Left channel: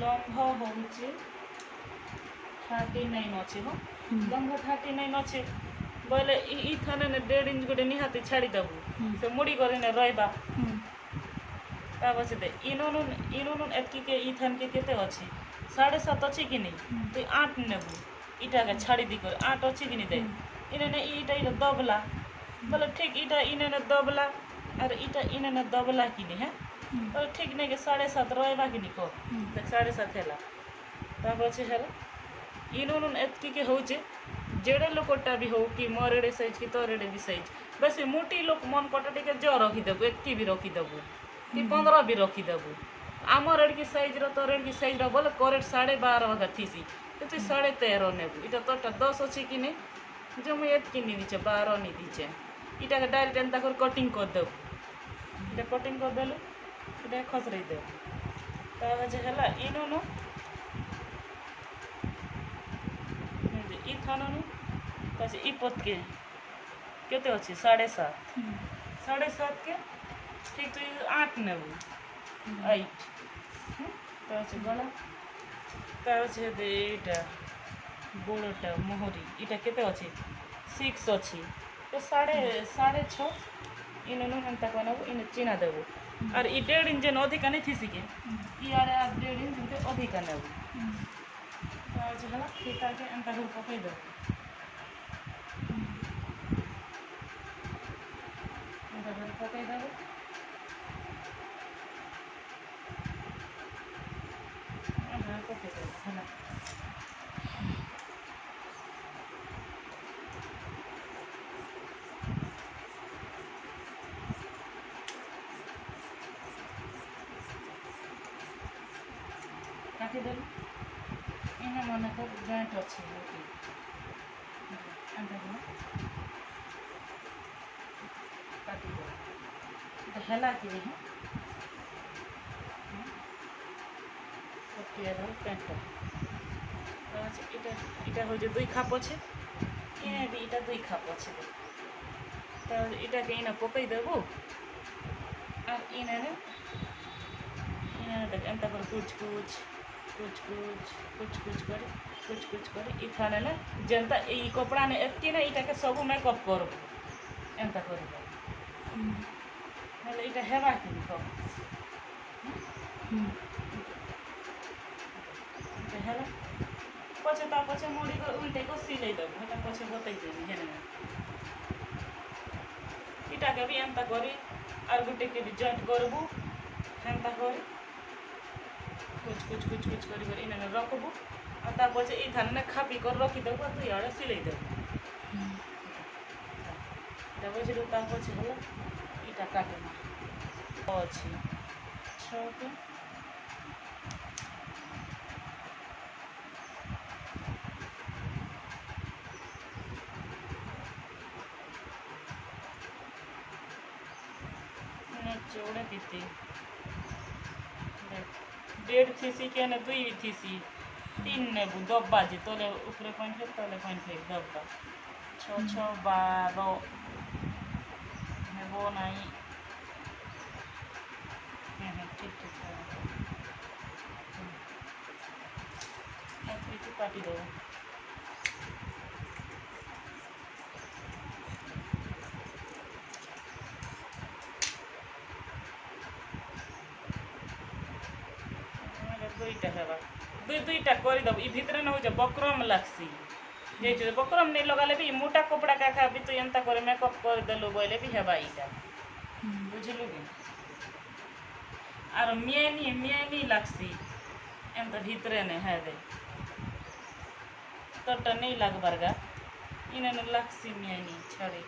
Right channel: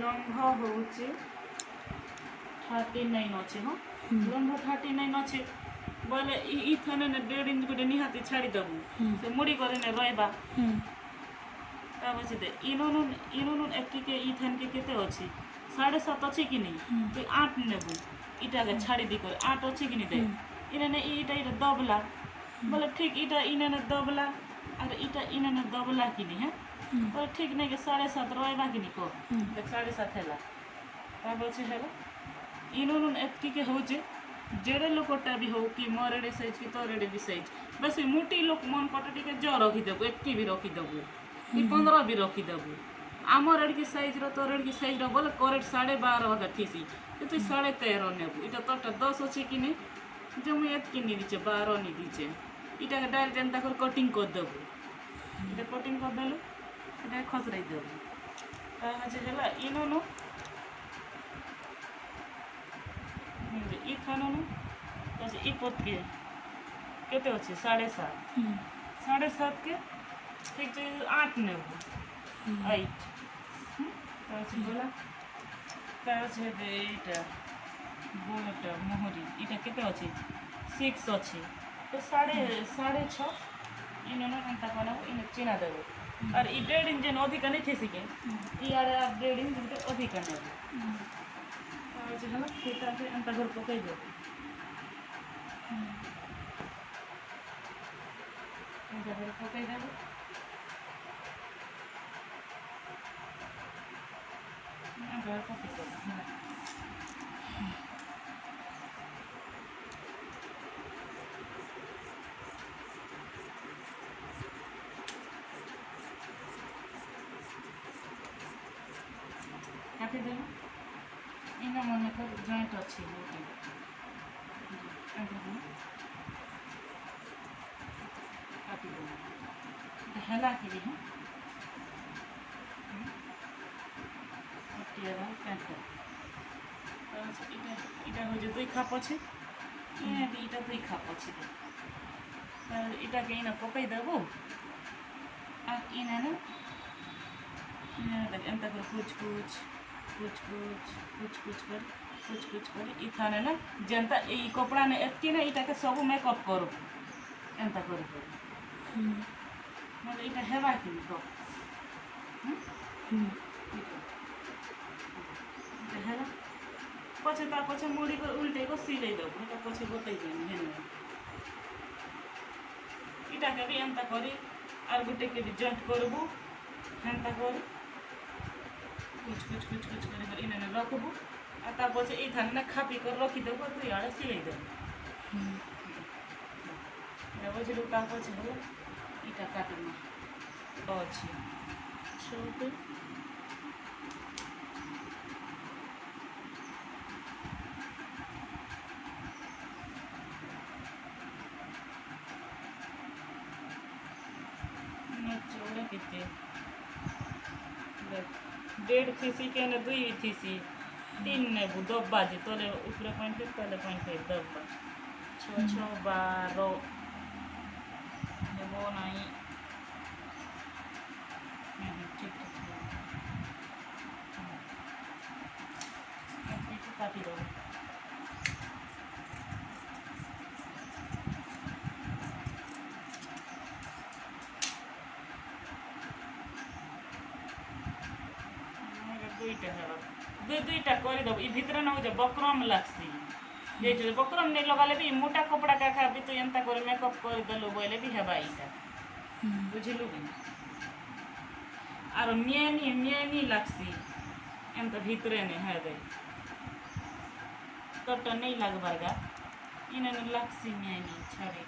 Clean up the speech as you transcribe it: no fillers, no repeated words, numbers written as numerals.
लंबा होउची 39 अच्छे हो लंबा 39 अच्छे बोले इथने ने 1.5 इंच गोटे निहाती छाड़ी दबु से मुड़ी करे ने रहबा ता बचे दे इनुन एतकी के इथन के केते अछि 7.5 अछि कि नहीं तो 8 नेबु इटा के छाड़ी दी कर 8 अछि कि नहीं दे इने इटा दबला बोले ठीक इटा इने दबला और इटा इने दबला कि नहीं है बोले ठीक नहीं के 7.5 रहबा कि नहीं को 7.5 हैला ता बचे हैला इनुन एतकी के होचे जेड़े लोकटा भी हो कि मोरेड़े साइज की तोरेड़े भी साइज बस मोटी लोक मन पटा टिके जो रखी देबु एतकी भी रखी देबु कि 15 भी रखी देबु आमर एड़ की साइज रो तोरेड़ की साइज रो बोले करेक्ट 12.5 का थीसी तो 13.5 नेबु इटा तोटा 10 अछि कि नहीं जो मैं एतकी नहीं दीचे 12 नहीं दीचे इटा के डायरेक्ट एंता कर कटिंग कर देबु इटा कटिंग कर देलु इटा खसरई देबु ता जे हला इनुन इ थाननु तसे इ पत के केते अछि 7.5 के ठीक तो 8 नेबु 8 तसे बोला तसे देटा गोड़टा मोहरी इटा केते अछि 6 अछि तो 6.5 इननु एंता कोनबु इन चिना देबु और इ 1.5 इंच न अधिक नहीं थीसी के इ आरे 1.5 इंच अधिक नेबु तसे हला इटा के एंता कर पकई दे पकई देबु पकई देबु हला काटी देलु इने मन कर जॉइंट अछि होती एंता को काटी दे इटा हला कि है कटिया पेंट इटा हो जे 2 खाप अछि इने भी इटा 2 खाप अछि त इटा के इने पकई देबो आ इने एंता कर कुछ कर इथाने ना जेंता ई कपड़ा ने एतकी ना इटा के सब मेकअप कर एंता कर मतलब इटा हेबा कि तो इटा हेबा पछे मुड़ी कर उल्टे को सिलाई दो मतलब पछे बताई देनी हेने इटा के भी एंता करी और गुटे के भी जॉइंट करबू हेंता कर कुछ कर इने रखबू आ तापर से ई धान में खापी कर रखी देबू तू याडे सिलाई देबू देबो जे तापर से होला इटा काटना अछि छोटे चौड़े कितने 1.5 थीसी के ने 2 थीसी 3 नेबू दब्बा जे तोले ऊपरे पॉइंट के तले पॉइंट एक दब्बा 6 12 नेबो नहीं ठीक ऐसे काटी दो दुईटा कर दब ई भितर न हो जा बकरम लागसी जे बकरम नहीं लगाले भी मोटा कपड़ा का भी तो एंता करे मेकअप कर देलो बोले भी हेबा इटा बुझलु कि आरो मियानी लागसी एंता भितरे ने हेबे तोटा नहीं लागबारगा इने लागसी मियानी छड़े